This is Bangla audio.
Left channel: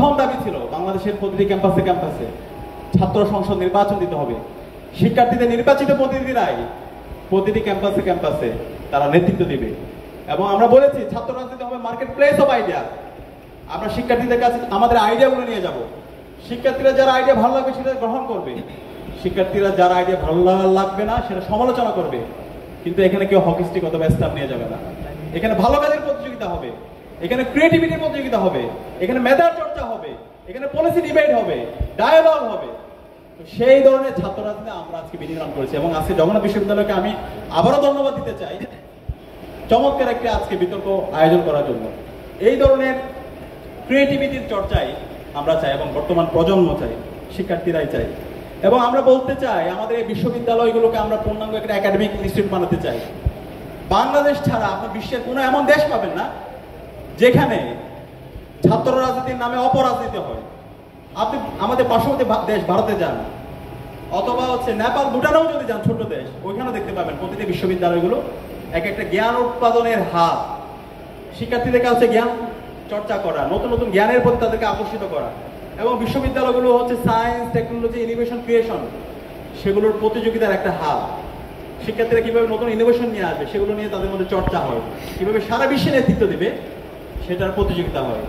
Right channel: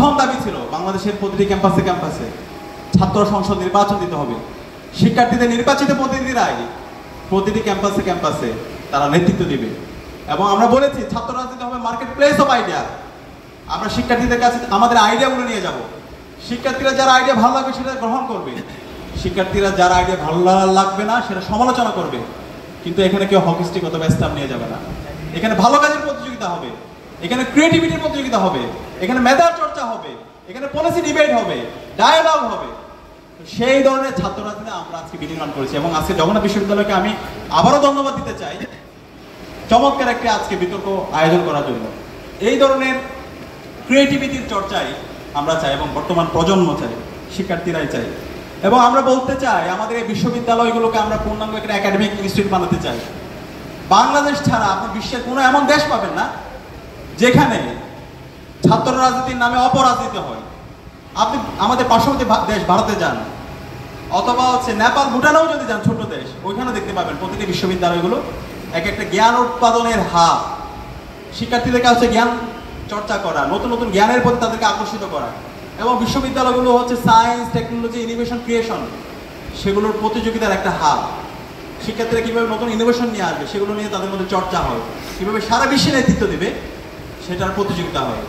প্রথম দাবি ছিল বাংলাদেশের প্রতিটি ক্যাম্পাসে ক্যাম্পাসে ছাত্র সংসদ নির্বাচন দিতে হবে। শিক্ষার্থীদের নির্বাচিত প্রতিনিধিরাই প্রতিটি ক্যাম্পাসে ক্যাম্পাসে তারা নেতৃত্ব দিবে। এবং আমরা বলেছি ছাত্র রাজনীতি হবে মার্কেট প্লেস অফ আইডিয়া। আমরা শিক্ষার্থীদের কাছে আমাদের আইডিয়াগুলো নিয়ে যাব। শিক্ষার্থীরা যারা আইডিয়া ভালো লাগবে সেটা গ্রহণ করবে, শিক্ষার্থীরা যারা আইডিয়া ভালো লাগবে না সেটা সমালোচনা করবে। কিন্তু এখানে কেউ হকিস্টিক অথবা স্টাম্প নিয়ে যাবে না। এখানে ভালো কাজের প্রতিযোগিতা হবে, এখানে ক্রিয়েটিভিটির প্রতিযোগিতা হবে, এখানে মেধার চর্চা হবে, এখানে পলিসি ডিবেট হবে, ডায়ালগ হবে। সেই ধরনের ছাত্র রাজনীতি আমরা আজকে বিনির্মাণ করেছি। এবং আজকে জগন্নাথ বিশ্ববিদ্যালয়কে আমি আবারও ধন্যবাদ দিতে চাই চমৎকার একটি আজকে বিতর্ক আয়োজন করার জন্য। এই ধরনের ক্রিয়েটিভিটির চর্চাই আমরা চাই এবং বর্তমান প্রজন্ম চাই, শিক্ষার্থীরাই চাই। এবং আমরা বলতে চাই আমাদের এই বিশ্ববিদ্যালয়গুলোকে আমরা পূর্ণাঙ্গ একটা একাডেমিক ইনস্টিটিউট বানাতে চাই। বাংলাদেশ ছাড়া আপনার বিশ্বের কোনো এমন দেশ পাবেন না যেখানে ছাত্র রাজনীতির নামে অপরাজনীতি হয়। আপনি আমাদের পার্শ্ববর্তী দেশ ভারতে যান অথবা নেপাল ভুটানেও যদি যান, ছোট দেশ, ওইখানে দেখতে পাবেন প্রতিটি বিশ্ববিদ্যালয়গুলো এক একটা জ্ঞান উৎপাদনের হাব। শিক্ষার্থীদের কাছে জ্ঞান চর্চা করা, নতুন নতুন জ্ঞানের প্রতি তাদেরকে আকর্ষিত করা। এবং বিশ্ববিদ্যালয়গুলো সায়েন্স, টেকনোলজি, ইনোভেশন, ক্রিয়েশন, সেগুলোর প্রতিযোগিতার একটা হাব। শিক্ষার্থীরা কীভাবে নতুন ইনোভেশন নিয়ে আসবে সেগুলো নিয়ে তাদের মধ্যে চর্চা হয়, কীভাবে সারা বিশ্বে নেতৃত্ব দেবে সেটার প্রতিযোগিতা হয়।